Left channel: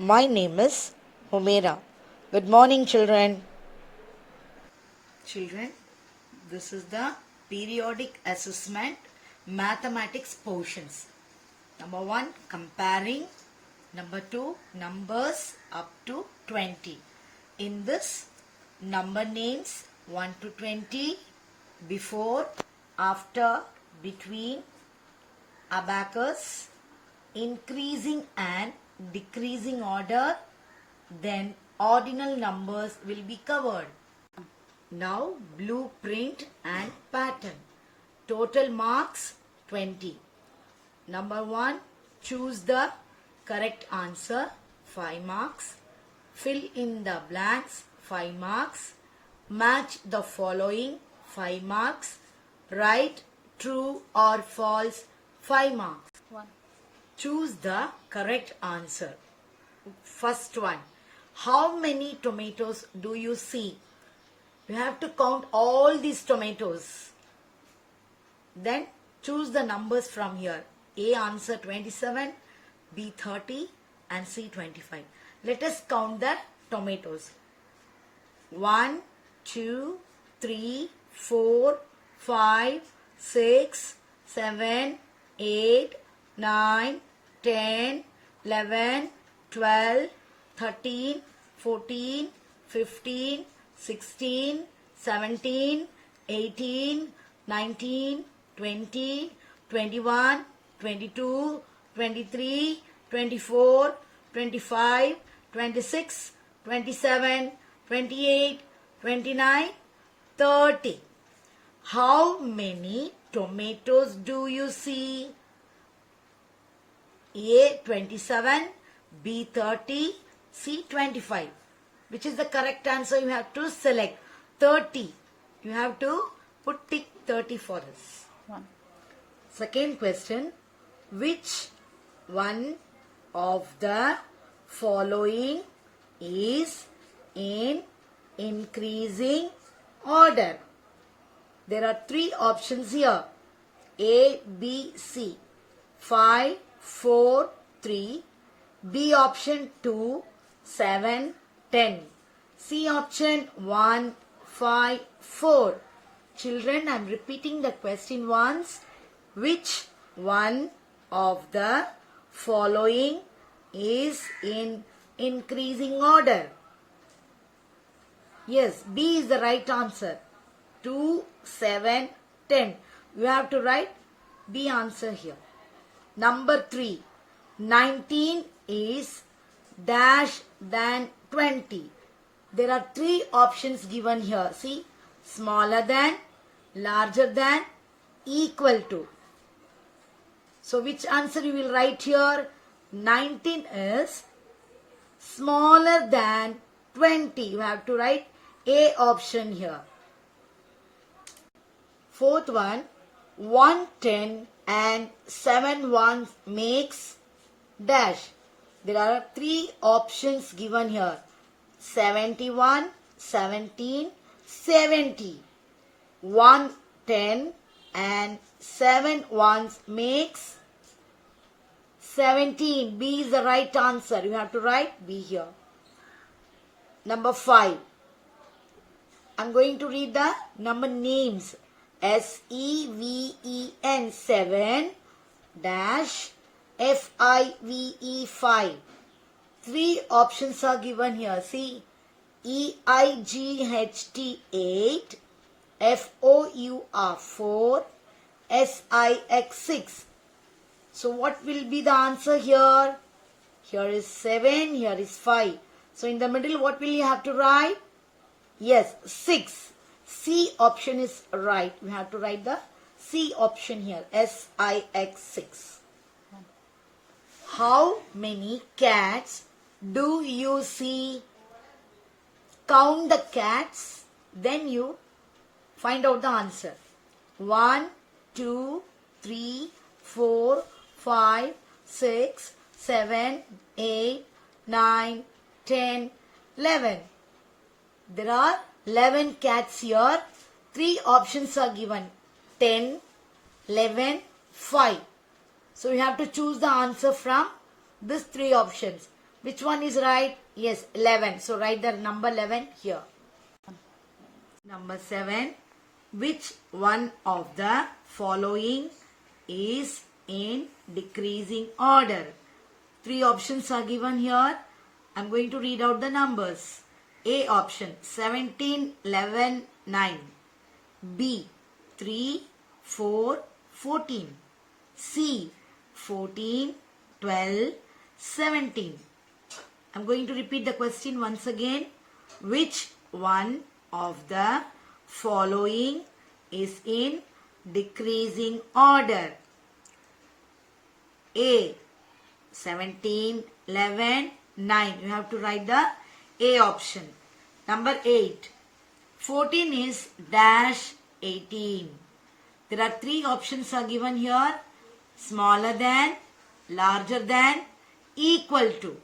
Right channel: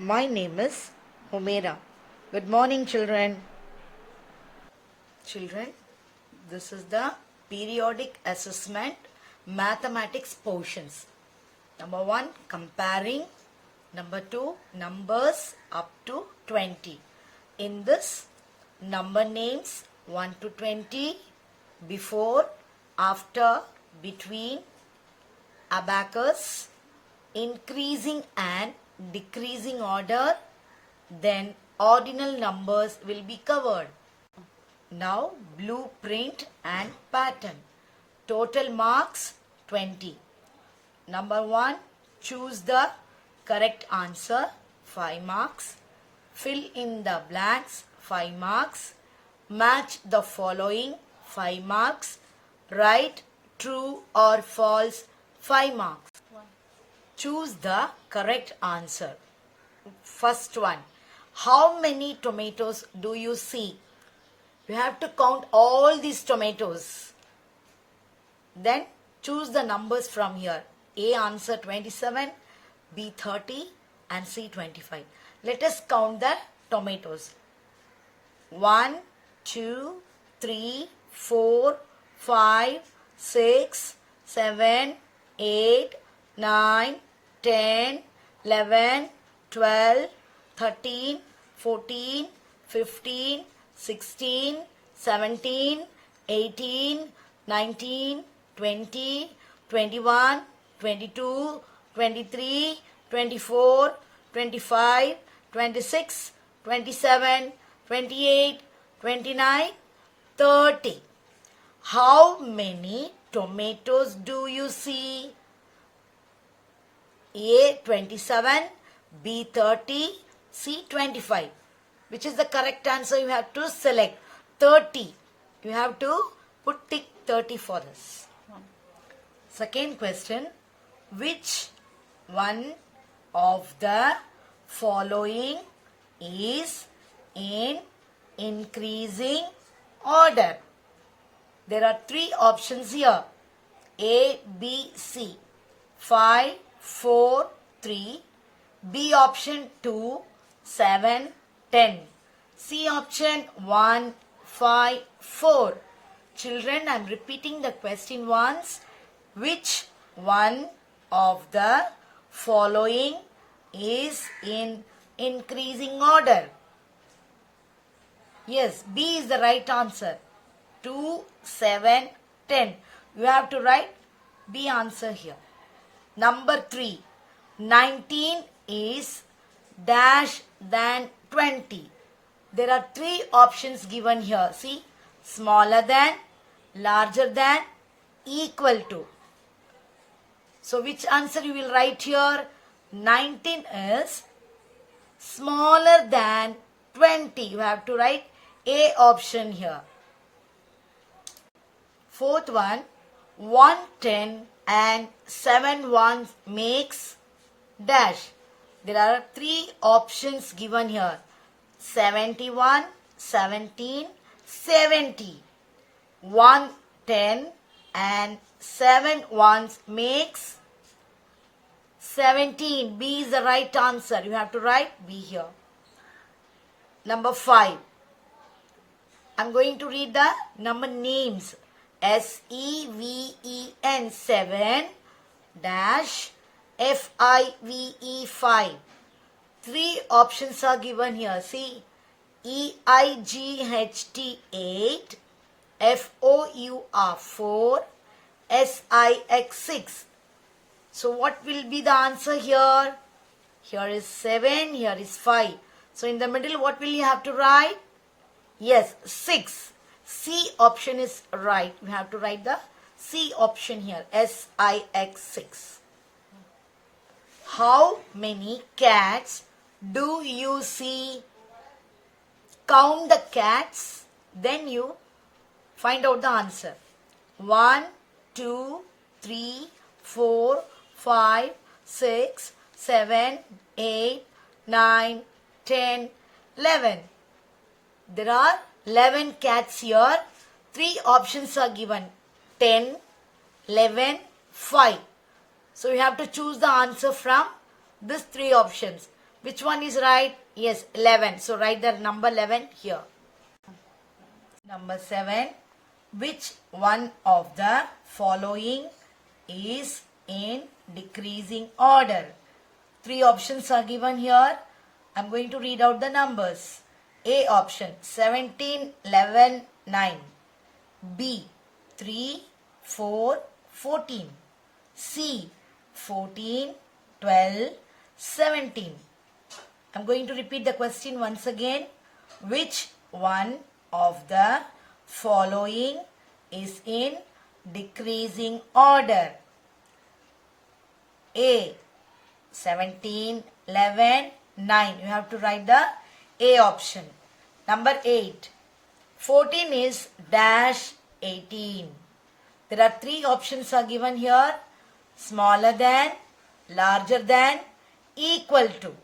My name is Humaira. Good morning, children. Children, this is the periodic assessment mathematics portions. Number 1, comparing. Number 2, numbers up to 20. In this, number names 1 to 20, before, after, between, abacus, increasing and decreasing order, then ordinal numbers will be covered. Now blueprint and pattern. Total marks 20. Number 1, choose the correct answer, 5 marks. Fill in the blanks, 5 marks. Match the following, 5 marks. Write true or false, 5 marks. Choose the correct answer. First one, how many tomatoes do you see? You have to count all these tomatoes. Then choose the numbers from here. A answer 27, B 30 and C 25. Let us count the tomatoes. 1, 2, 3, 4, 5, 6, 7, 8, 9, 10, 11, 12, 13, 14, 15, 16, 17, 18, 19, 20, 21, 22, 23, 24, 25, 26, 27, 28, 29, 30. How many tomatoes do you see? A 27, B 30, C 25. Which is the correct answer? You have to select 30. You have to put tick 30 for this. Second question. Which one of the following is in increasing order? There are 3 options here. A, B, C. 5, 4, 3. B option 2, 7, 10. C option 1, 5, 4. Children, I am repeating the question once. Which one of the following is in increasing order? Yes, B is the right answer. 2, 7, 10. You have to write B answer here. Number 3. 19 is dash than 20. There are 3 options given here. See, smaller than, larger than, equal to. So which answer you will write here? 19 is smaller than 20. You have to write A option here. Fourth one, 110 and 7 ones makes dash. There are 3 options given here. 71, 17, 70. 110 and 7 ones makes 17. B is the right answer. You have to write B here. Number 5. I'm going to read the number names. SEVEN 7 dash FIVE 5. 3 options are given here. See, EIGHT 8, FOUR 4, SIX 6. So what will be the answer here? Here is 7, here is 5. So in the middle, what will you have to write? Yes, 6. C option is right. We have to write the C option here. SIX 6. How many cats do you see? Count the cats. Then you find out the answer. 1, 2, 3, 4, 5, 6, 7, 8, 9, 10, 11. There are 11 cats here. 3 options are given. 10, 11, 5. So you have to choose the answer from these 3 options. Which one is right? Yes, 11. So write the number 11 here. Number 7. Which one of the following is in decreasing order? 3 options are given here. I'm going to read out the numbers. A option 17, 11, 9. B 3, 4, 14. C 14, 12, 17. I'm going to repeat the question once again. Which one of the following is in decreasing order? A 17, 11, 9. You have to write the A option. Number 8. 14 is dash 18. There are 3 options are given here. Smaller than, larger than, equal to.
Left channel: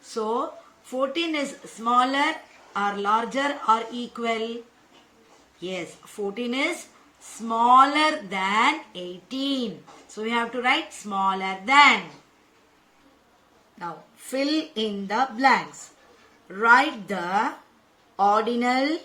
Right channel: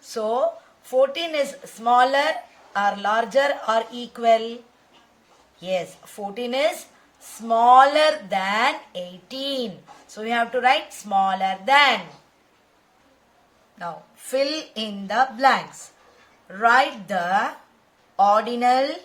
So, 14 is smaller or larger or equal? Yes, 14 is smaller than 18. So, we have to write smaller than. Now, fill in the blanks. Write the ordinal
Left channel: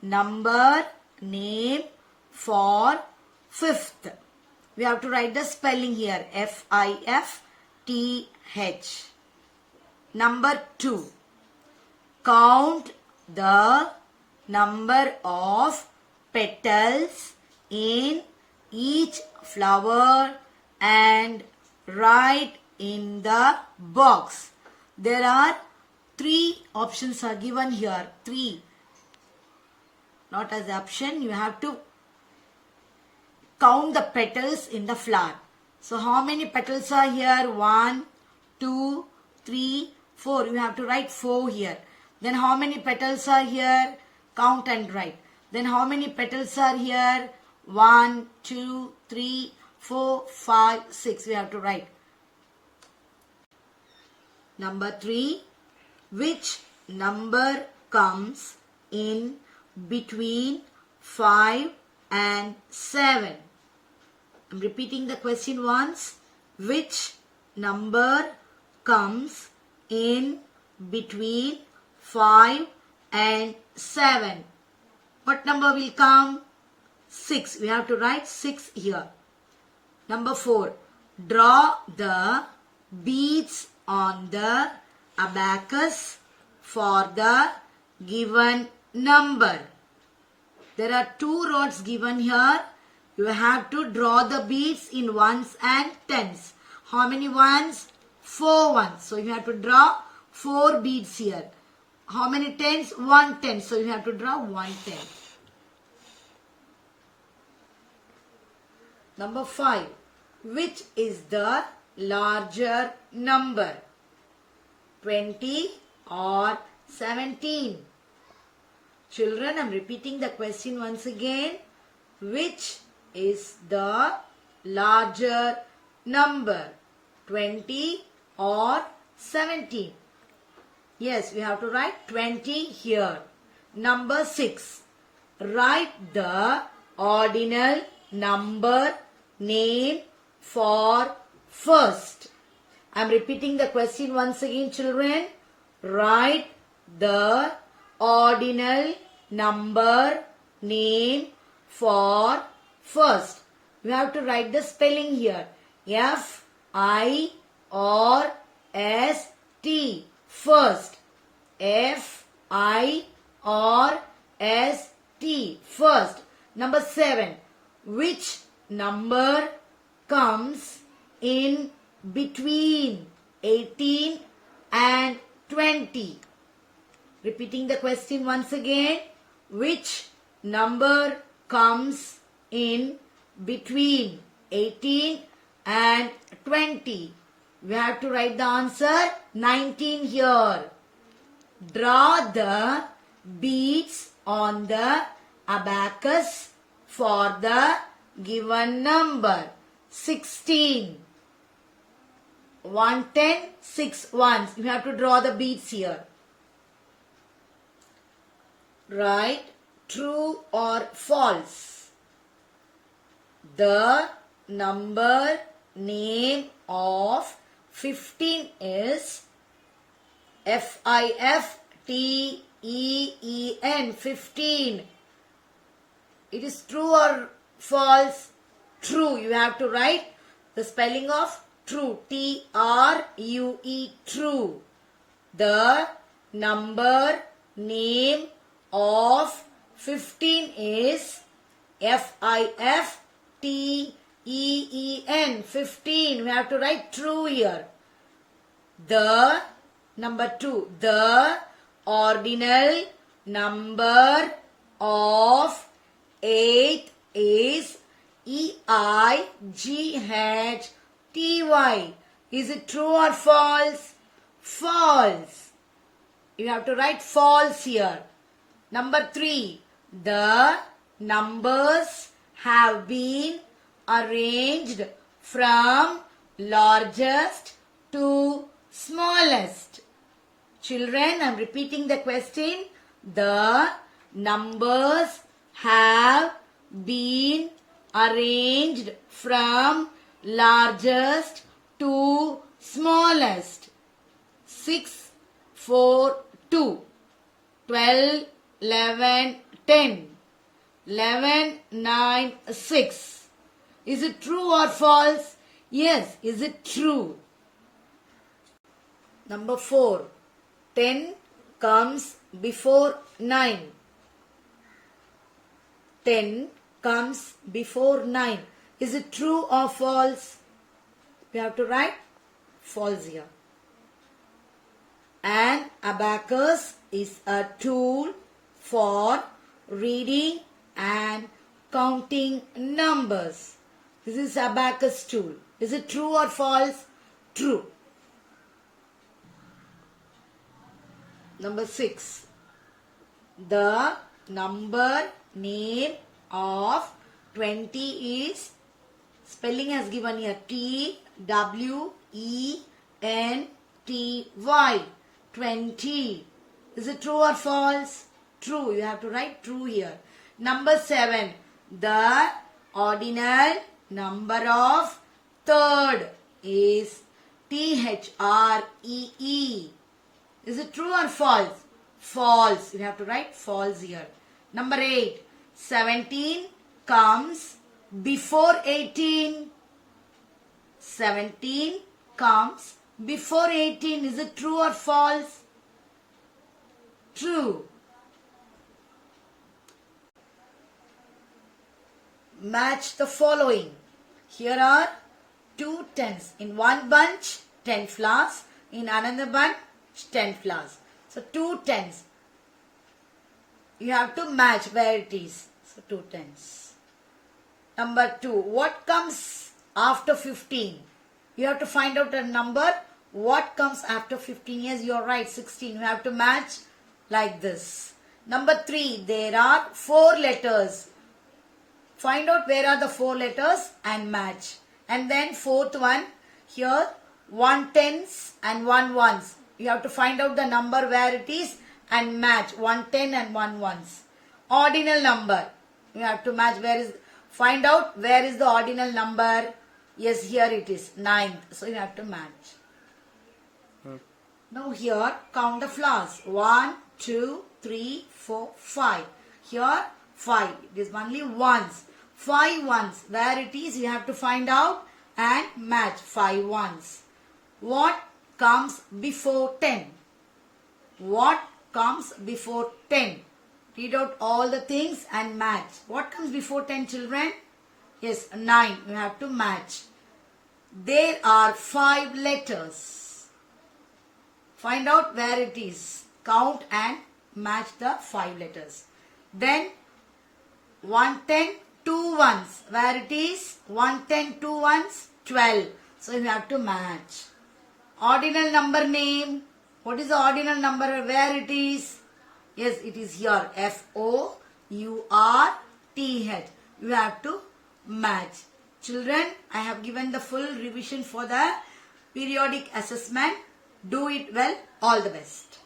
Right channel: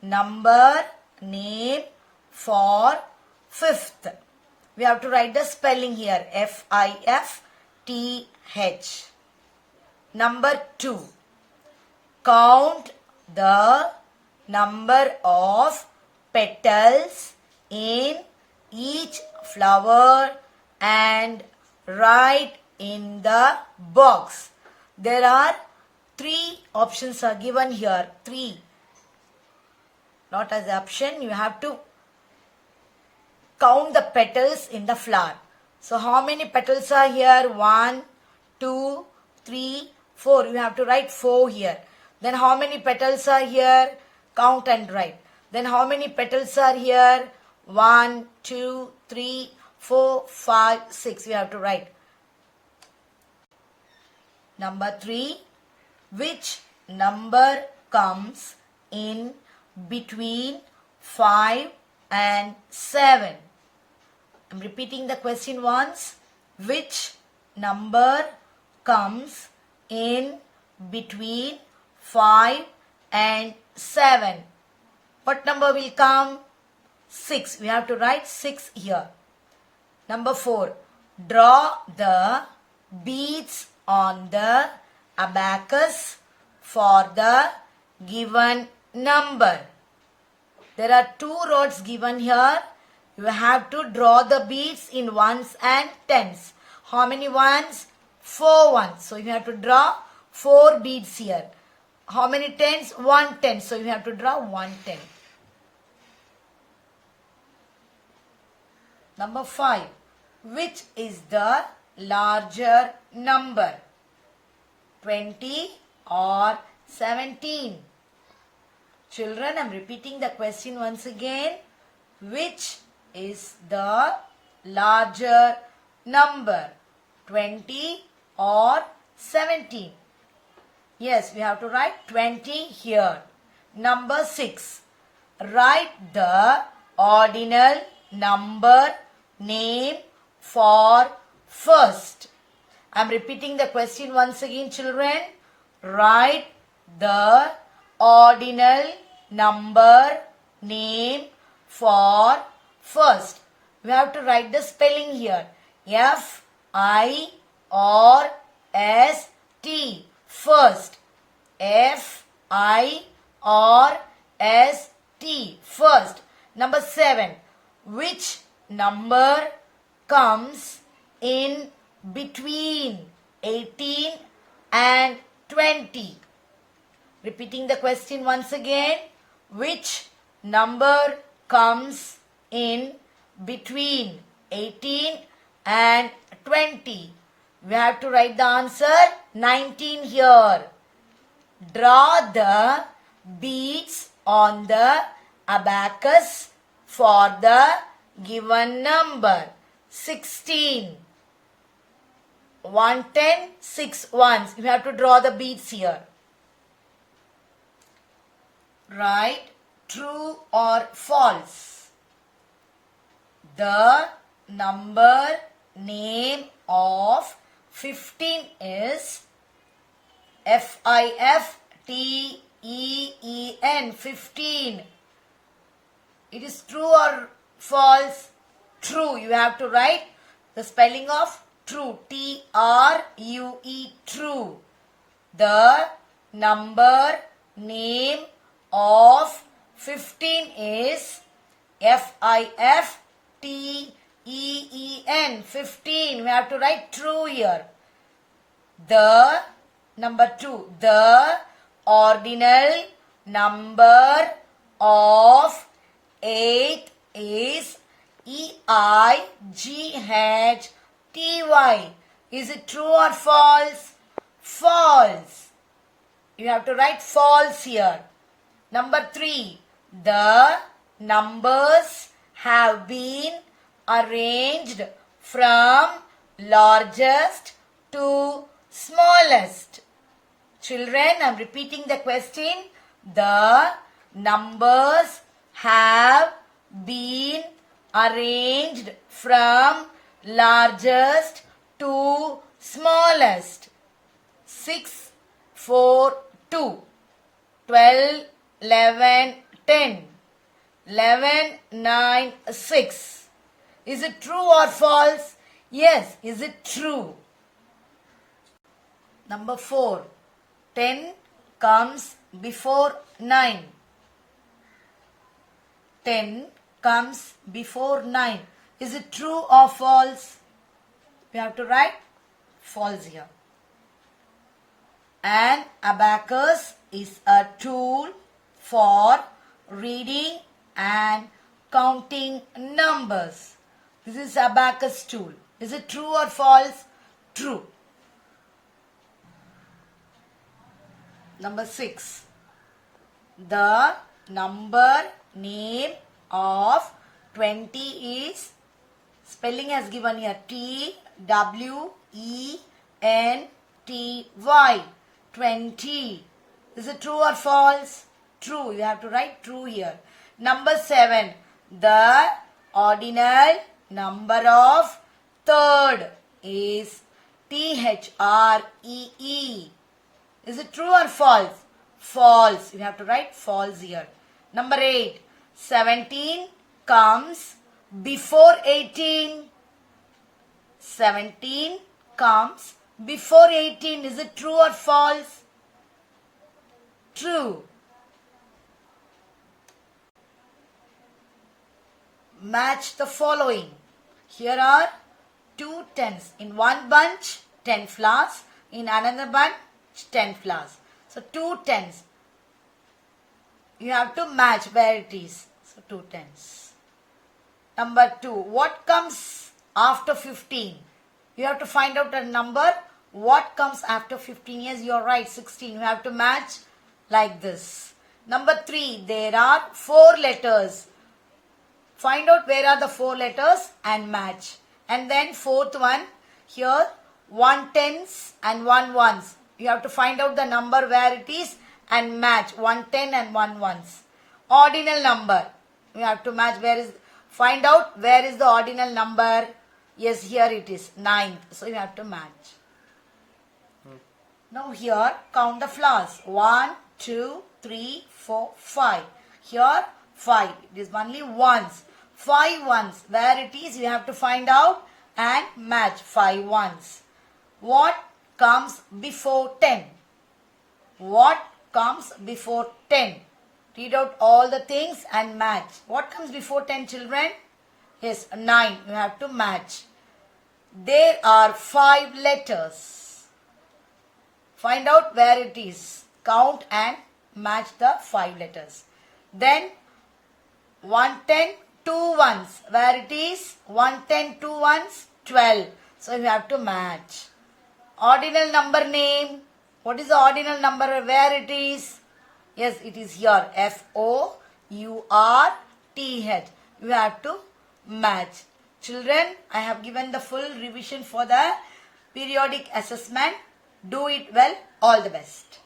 number name for fifth. We have to write the spelling here. F-I-F-T-H. Number 2. Count the number of petals in each flower and write in the box. There are 3 options are given here. 3. Not as option. You have to count the petals in the flower. So how many petals are here? 1, 2, 3, 4. You have to write 4 here. Then how many petals are here? Count and write. Then how many petals are here? 1, 2, 3, 4, 5, 6. We have to write. Number 3. Which number comes in between 5 and 7? I'm repeating the question once. Which number comes in between 5 and 7? What number will come? 6. We have to write 6 here. Number 4. Draw the beads on the abacus for the given number. There are 2 rods given here. You have to draw the beads in ones and tens. How many ones? 4 ones. So you have to draw 4 beads here. How many tens? 1 10. So you have to draw 1 10. Number 5. Which is the larger number? 20 or 17? Children, I am repeating the question once again. Which is the larger number? 20 or 17? Yes, we have to write 20 here. Number 6. Write the ordinal number name for first. I am repeating the question once again, children. Write the ordinal number name for first. We have to write the spelling here. F-I-R-S-T. First. F-I-R-S-T. First. Number 7. Which number comes in between 18 and 20? Repeating the question once again. Which number comes in between 18 and 20? We have to write the answer 19 here. Draw the beads on the abacus for the given number. 16. 1 10, 6 ones. You have to draw the beads here. Write true or false. The number name of 15 is F-I-F-T-E-E-N, 15. It is true or false? True. You have to write the spelling of true. T-R-U-E, true. The number name of 15 is F-I-F-T-E-E-N, 15. We have to write true here. The, number 2, the ordinal number of 8 is E-I-G-H-T-Y. Is it true or false? False. You have to write false here. Number 3, the numbers have been arranged from largest to smallest. Children, I am repeating the question. The numbers have been arranged from largest to smallest. 6, 4, 2, 12, 11, 10, 11, 9, 6. Is it true or false? Yes. Is it true? Number 4. 10 comes before 9. 10 comes before 9. Is it true or false? We have to write false here. An abacus is a tool for reading and counting numbers. This is abacus tool. Is it true or false? True. Number 6. The number name of 20 is, spelling as given here, T-W-E-N-T-Y, 20. Is it true or false? True. You have to write true here. Number 7. The ordinal number of third is T-H-R-E-E. Is it true or false? False. You have to write false here. Number 8. 17 comes before 18. 17 comes before 18. Is it true or false? True. Match the following. Here are 2 tens. In one bunch, 10 flowers. In another bunch, 10 flowers. So 2 tens. You have to match where it is. So 2 tens. Number 2. What comes after 15? You have to find out a number. What comes after 15? Yes, you are right. 16. You have to match like this. Number 3. There are 4 letters. Find out where are the 4 letters and match. And then 4th one. Here 1 tens and 1 ones. You have to find out the number where it is and match 1 10 and 1 ones. Ordinal number. You have to match where is. Find out where is the ordinal number. Yes, here it is 9th. So you have to match. Now here count the flowers. 1, 2, 3, 4, 5. Here 5. It is only ones. 5 ones. Where it is you have to find out and match 5 ones. What comes before 10? What comes before 10? Read out all the things and match. What comes before 10, children? Yes, 9. You have to match. There are 5 letters. Find out where it is. Count and match the 5 letters. Then 1 10, 2 ones. Where it is? 1 10, 2 ones, 12. So you have to match. Ordinal number name. What is the ordinal number? Where it is? Yes, it is here. F-O-U-R-T-H. You have to match. Children, I have given the full revision for the periodic assessment. Do it well. All the best.